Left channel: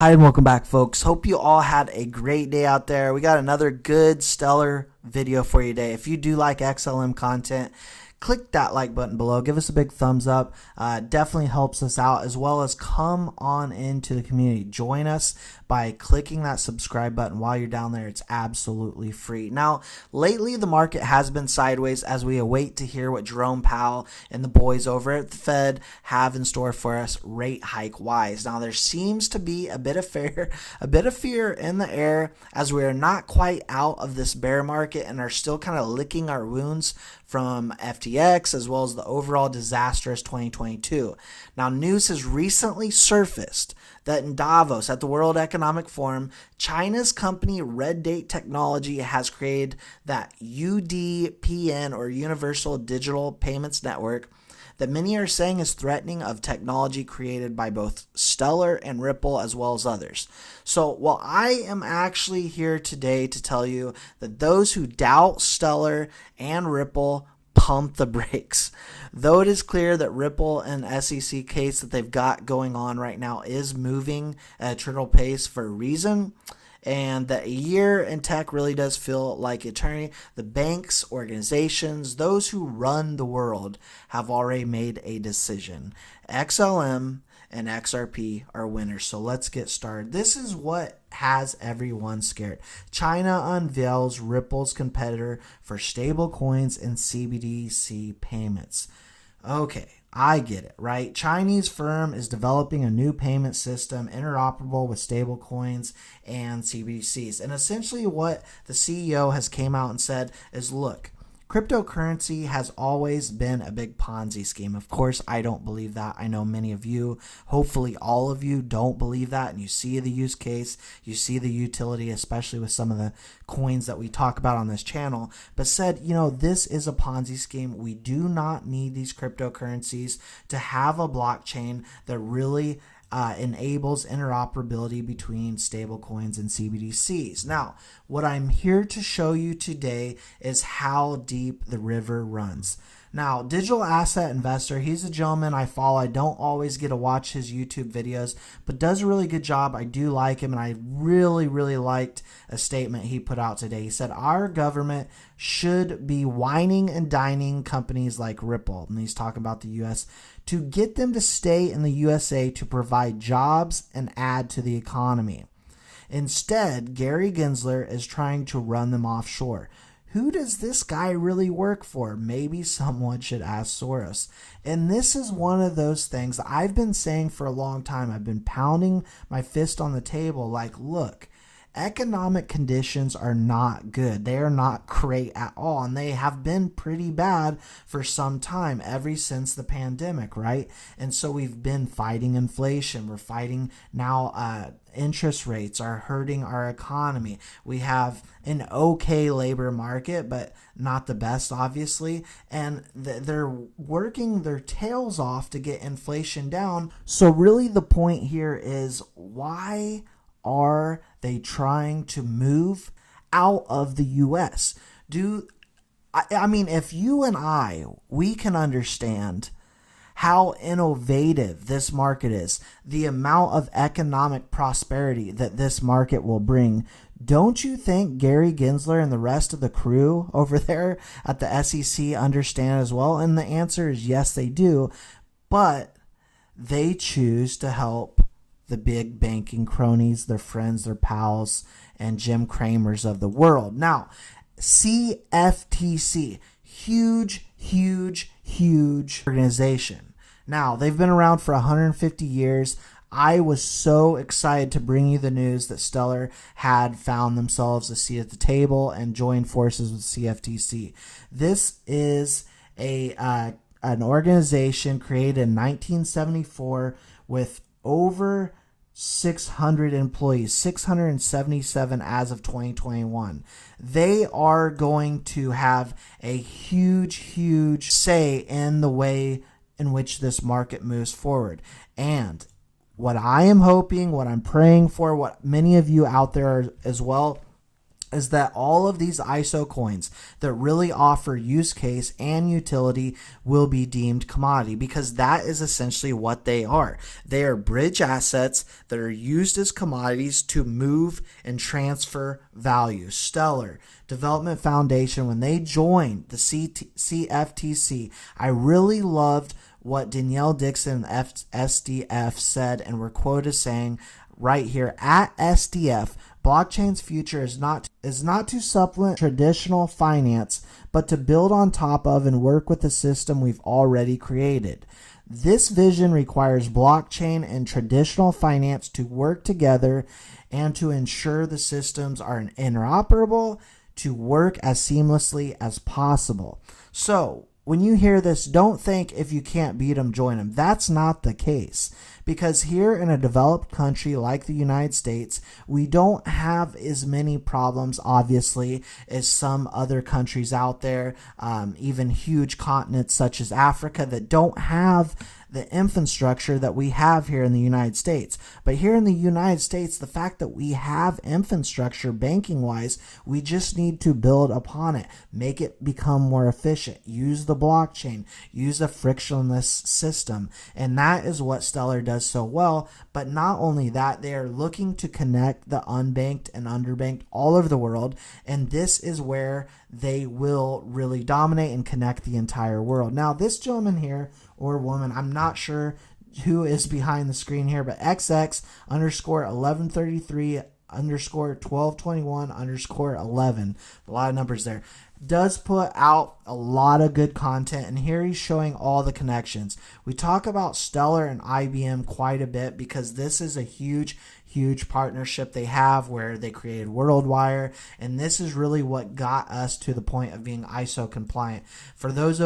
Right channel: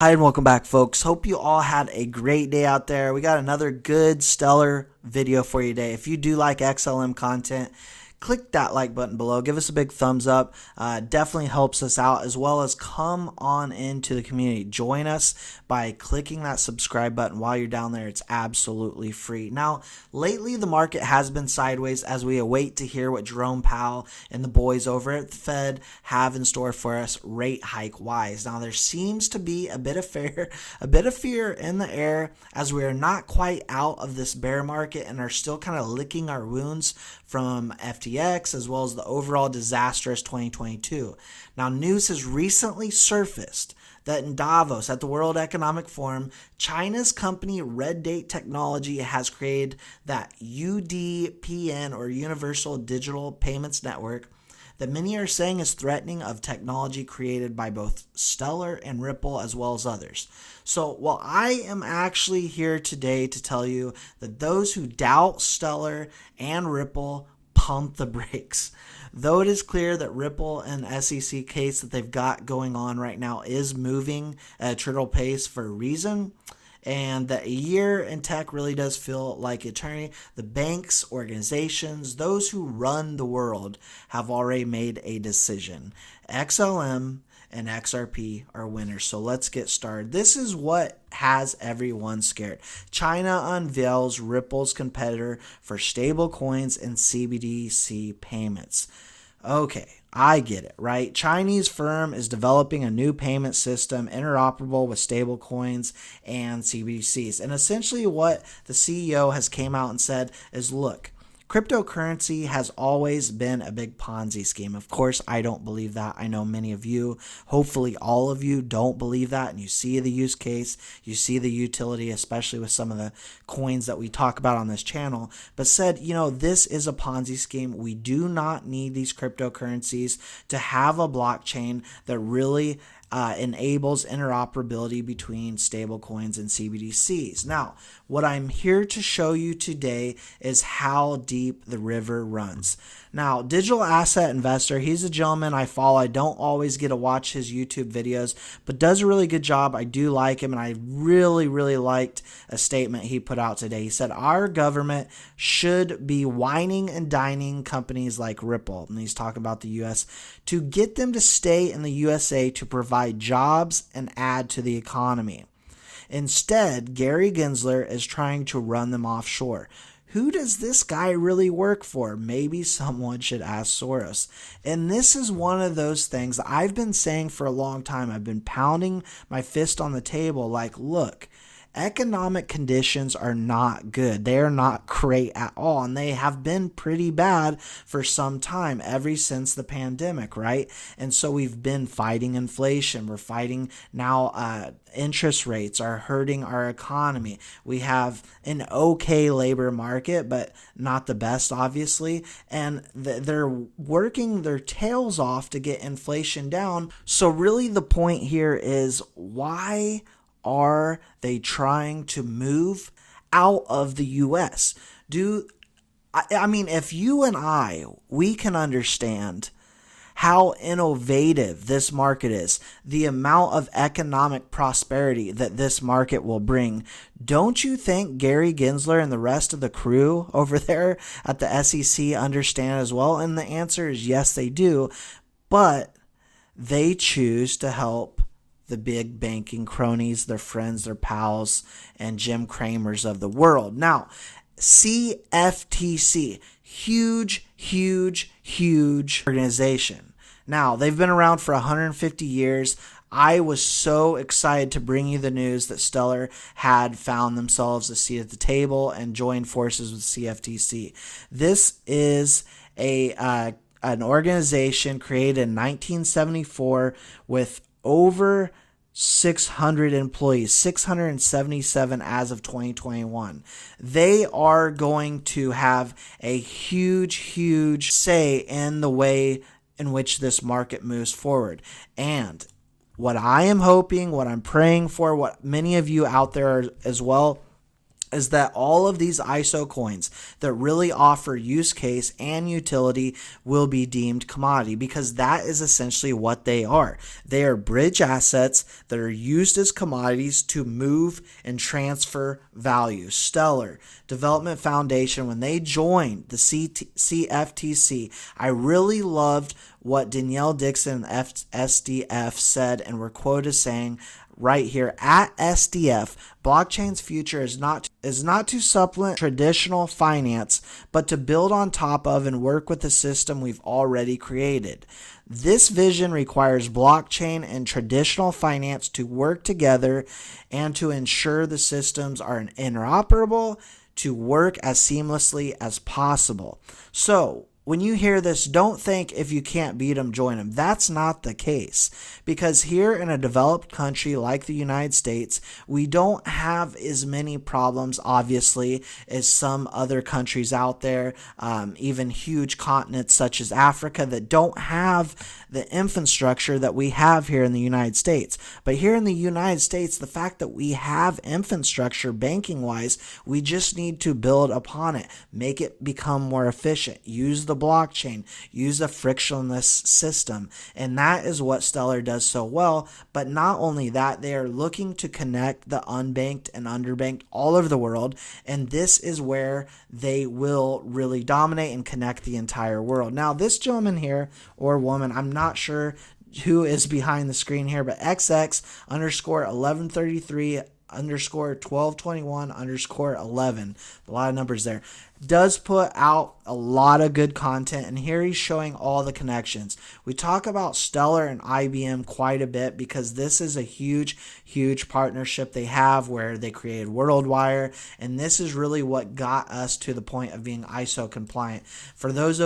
Hi and welcome back, folks. Hope you all had a great day out there. We got another good, stellar video for you today. If you do like XLM content, click that like button below. Give us a big thumbs up. Definitely helps us out, as well as come on into the community. Join us by clicking that subscribe button while you're down there. It's absolutely free. Now, lately the market has been sideways as we await to hear what Jerome Powell and the boys over at the Fed have in store for us rate hike wise. Now, there seems to be a bit of fear in the air as we are not quite out of this bear market and are still kind of licking our wounds from FTX as well as the overall disastrous 2022. Now, news has recently surfaced that in Davos at the World Economic Forum, China's company Red Date Technology has created that UDPN, or Universal Digital Payments Network, that many are saying is threatening of technology created by both Stellar and Ripple as well as others. So while I am actually here today to tell you that those who doubt Stellar and Ripple pump the brakes. Though it is clear that Ripple and SEC case that they've got going on right now is moving at a trickle pace for a reason, and that a year in tech really does feel like eternity. The banks, organizations, those who run the world have already made a decision. XLM and XRP are winners. So let's get started. This is what has everyone scared. China unveils Ripple's competitor for stable coins and CBDC payments. Okay, I get it, right? Chinese firm is developing a new payment system interoperable with stable coins and CBDCs. And essentially what the CEO has came out and said is, look, cryptocurrency has always been a big Ponzi scheme. Of course, I don't believe that. I know many of you, hopefully all of you, don't believe that. And you see the use case, you see the utility, especially with some of the coins that we talk about on this channel. But said, this is a Ponzi scheme. We do not need these cryptocurrencies to have a blockchain that really enables interoperability between stablecoins and CBDCs. Now, what I'm here to show you today is how deep the river runs. Now, Digital Asset Investor, he's a gentleman I follow. I don't always get to watch his YouTube videos, but does a really good job. I do like him, and I really, really liked a statement he put out today. He said, our government should be whining and dining companies like Ripple, and he's talking about the U.S., to get them to stay in the USA to provide jobs and add to the economy. Instead, Gary Gensler is trying to run them offshore. Who does this guy really work for? Maybe someone should ask Soros. And this is one of those things that I've been saying for a long time. I've been pounding my fist on the table like, look, economic conditions are not good. They are not great at all. And they have been pretty bad for some time, ever since the pandemic, right? And so we've been fighting inflation. We're fighting now interest rates are hurting our economy. We have an okay labor market, but not the best, obviously. And they're working their tails off to get inflation down. So really the point here is, why are they trying to move out of the U.S.? I mean, if you and we can understand how innovative this market is, the amount of economic prosperity that this market will bring, don't you think Gary Gensler and the rest of the crew over there at the SEC understand as well? And the answer is yes, they do, but they choose to help the big banking cronies, their friends, their pals, and Jim Cramers of the world. Now, CFTC, huge organization. Now, they've been around for 150 years. I was so excited to bring you the news that Stellar had found themselves a seat at the table and joined forces with CFTC. This is an organization created in 1974 with over 600 employees, 677 as of 2021. They are going to have a huge say in the way in which this market moves forward. And what I am hoping, what I'm praying for, what many of you out there as well is that all of these ISO coins that really offer use case and utility will be deemed commodity, because that is essentially what they are. They are bridge assets that are used as commodities to move and transfer value. Stellar Development Foundation, when they joined the CFTC, I really loved what Danielle Dixon, SDF, said, and we're quoted saying right here at SDF, blockchain's future is not to supplement traditional finance, but to build on top of and work with the system we've already created. This vision requires blockchain and traditional finance to work together and to ensure the systems are interoperable to work as seamlessly as possible. So when you hear this, don't think if you can't beat them, join them. That's not the case, because here in a developed country like the United States, we don't have as many problems, obviously, as some other countries out there, even huge continents such as Africa that don't have the infrastructure that we have here in the United States. But here in the United States, the fact that we have infrastructure banking-wise, we just need to build upon it, make it become more efficient, use the blockchain, use a frictionless system. And that is what Stellar does so well. But not only that, they are looking to connect the unbanked and underbanked all over the world. And this is where they will really dominate and connect the entire world. Now, this gentleman here, or woman, I'm not sure who is behind the screen here, but XX underscore 1133 underscore 1221 underscore 11, a lot of numbers there, does put out a lot of good content, and here he's showing all the connections. We talk about Stellar and IBM quite a bit because this is a huge partnership they have where they created WorldWire, and this is really what got us to the point of being ISO compliant. For those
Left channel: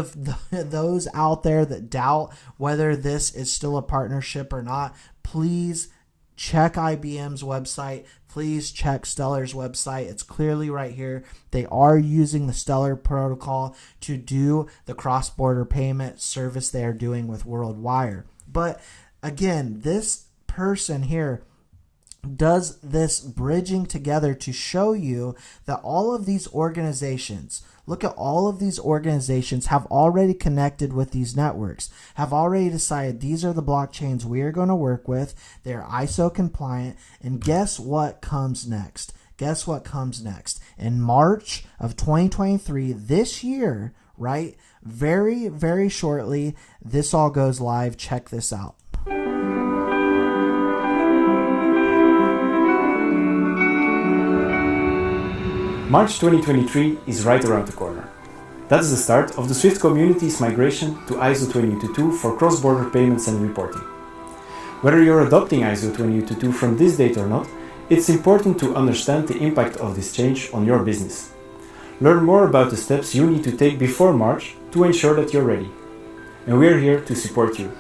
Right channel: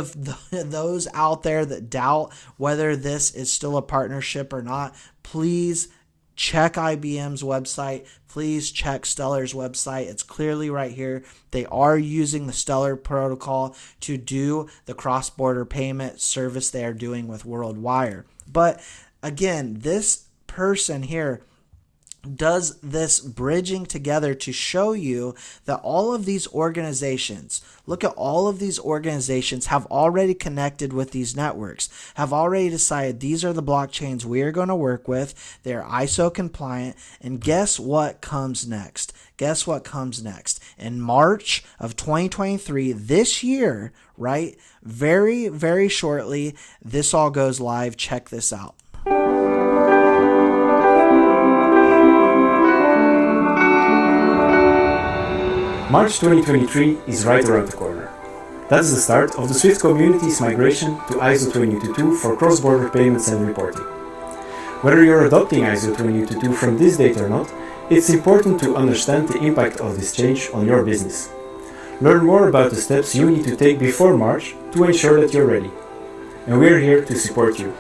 out there that doubt whether this is still a partnership or not, please check IBM's website. Please check Stellar's website. It's clearly right here. They are using the Stellar protocol to do the cross-border payment service they are doing with WorldWire. But again, this person here does this bridging together to show you that all of these organizations, look at all of these organizations have already connected with these networks, have already decided these are the blockchains we are going to work with. They're ISO compliant. And guess what comes next? Guess what comes next? In March of 2023, this year, right? Very, very shortly, this all goes live. Check this out. March 2023 is right around the corner. That's the start of the Swift community's migration to ISO 20022 for cross-border payments and reporting. Whether you're adopting ISO 20022 from this date or not, it's important to understand the impact of this change on your business. Learn more about the steps you need to take before March to ensure that you're ready. And we're here to support you.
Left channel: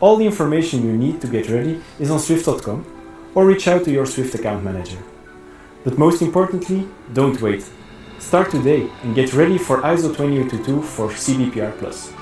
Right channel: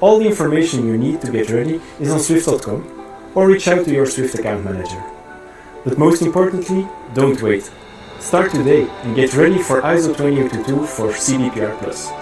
All the information you need to get ready is on swift.com, or reach out to your Swift account manager. But most importantly, don't wait. Start today and get ready for ISO 20022 for CBPR+.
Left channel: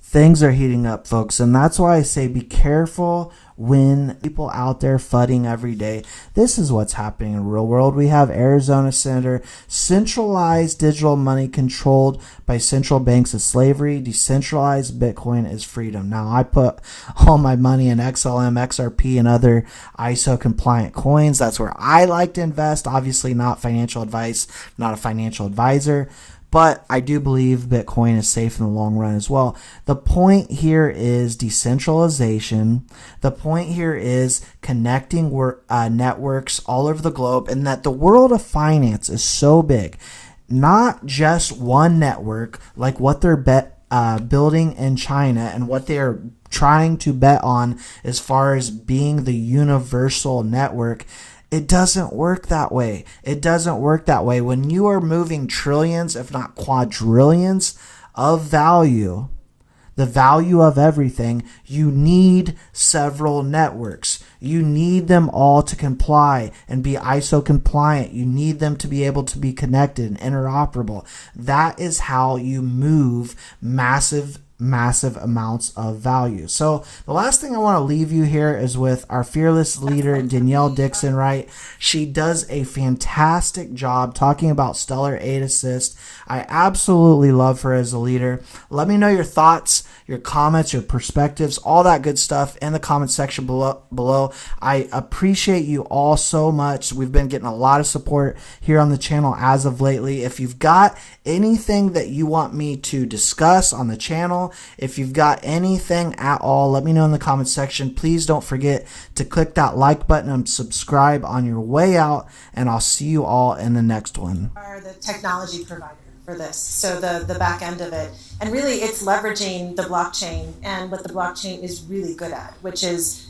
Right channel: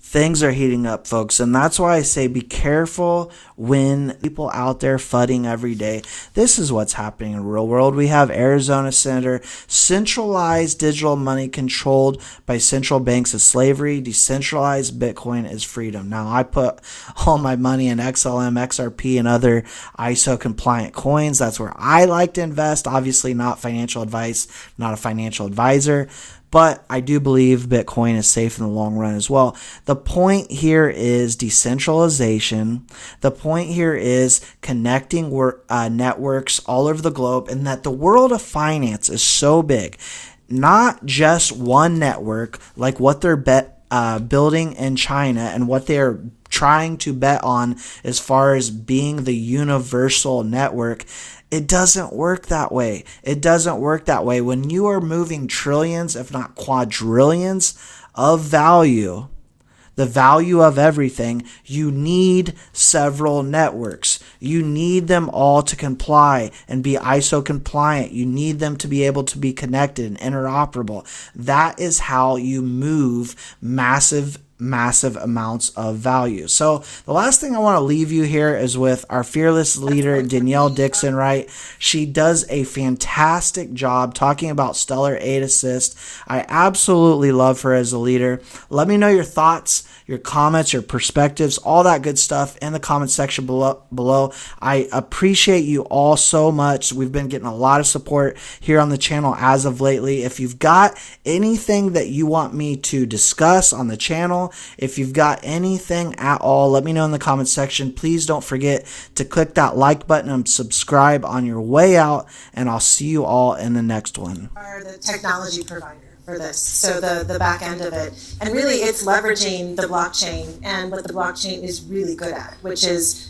Things are heating up, folks, and that's why I say be careful when people out there fudding every day. This is what's happening in the real world. We have Arizona Senator, centralized digital money controlled by central banks is slavery, decentralized Bitcoin is freedom. Now, I put all my money in XLM, XRP, and other ISO compliant coins. That's where I like to invest. Obviously not financial advice, not a financial advisor. But I do believe Bitcoin is safe in the long run as well. The point here is decentralization. The point here is connecting networks all over the globe, and that the world of finance is so big. Not just one network like what they're building in China and what they're trying to bet on as far as being the universal network. It doesn't work that way. It doesn't work that way. When you are moving trillions, if not quadrillions of value, the value of everything, you need several networks. You need them all to comply and be ISO compliant. You need them to be able to be connected and interoperable. That is how you move massive massive amounts of value. So the last thing I want to leave you here is with our fearless leader, Danielle Dixon, right? She does a fantastic job talking about Stellar 8 Assist. I absolutely love her as a leader. Let me know your thoughts, your comments, your perspectives, all that good stuff in the comment section below. I appreciate you all so much. We've been getting a lot of support here on the channel as of lately. If you've got anything that you want me to discuss on the channel, if you've got anything at all, let me know in the comment section. Please don't forget to click that like button and subscribe on your way out, and I'll see you all in the next one. Are the technology provider for this, so the back end of it, and really it's leveraging the blockchain and what the blockchain is really good at, which is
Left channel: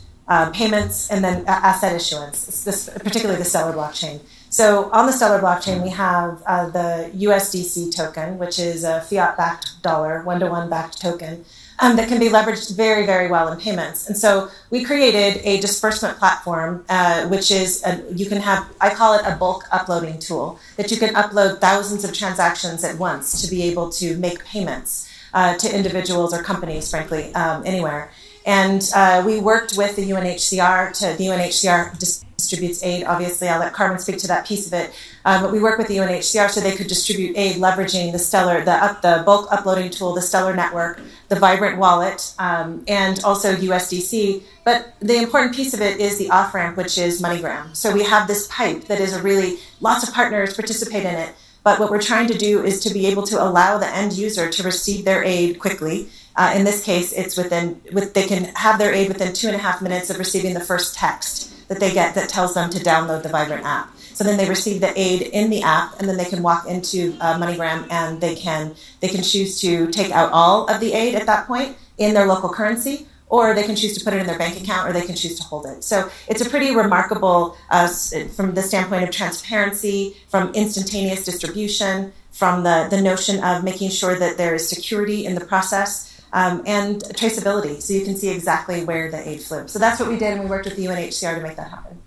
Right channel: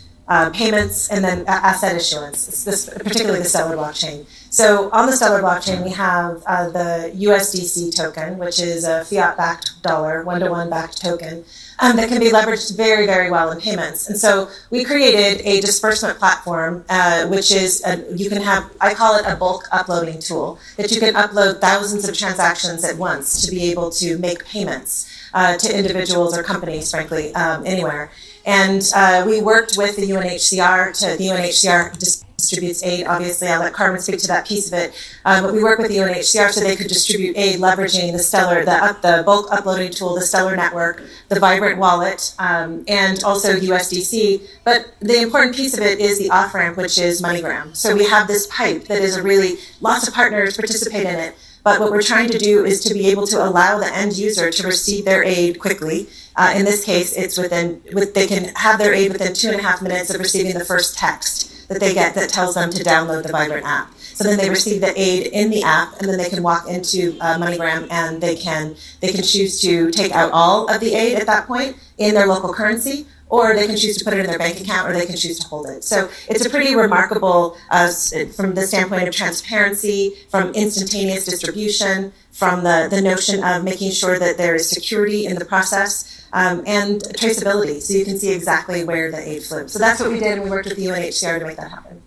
payments and then asset issuance, particularly the Stellar blockchain. So on the Stellar blockchain, we have the USDC token, which is a fiat-backed dollar, one-to-one backed token, that can be leveraged very, very well in payments. And so we created a disbursement platform, which is, you can have, I call it a bulk uploading tool, that you can upload thousands of transactions at once to be able to make payments to individuals or companies, frankly, anywhere. And we worked with the UNHCR the UNHCR distributes aid. Obviously, I'll let Carmen speak to that piece of it. But we worked with the UNHCR so they could distribute aid leveraging the Stellar, the bulk uploading tool, the Stellar network, the Vibrant wallet, and also USDC. But the important piece of it is the off-ramp, which is MoneyGram. So we have this pipe that is lots of partners participate in it. But what we're trying to do is to be able to allow the end user to receive their aid quickly. In this case, it's they can have their aid within 2.5 minutes of receiving the first text that they get that tells them to download the Vibrant app. So then they receive the aid in the app, and then they can walk into MoneyGram, and they can choose to take out all of the aid at that point in their local currency, or they can choose to put it in their bank account, or they can choose to hold it. So it's a pretty remarkable, from the standpoint of transparency, from instantaneous distribution, from the notion of making sure that there is security in the process, and traceability, so you can see exactly where the aid flew. So that's what we did, and we worked with the UNHCR to make that happen.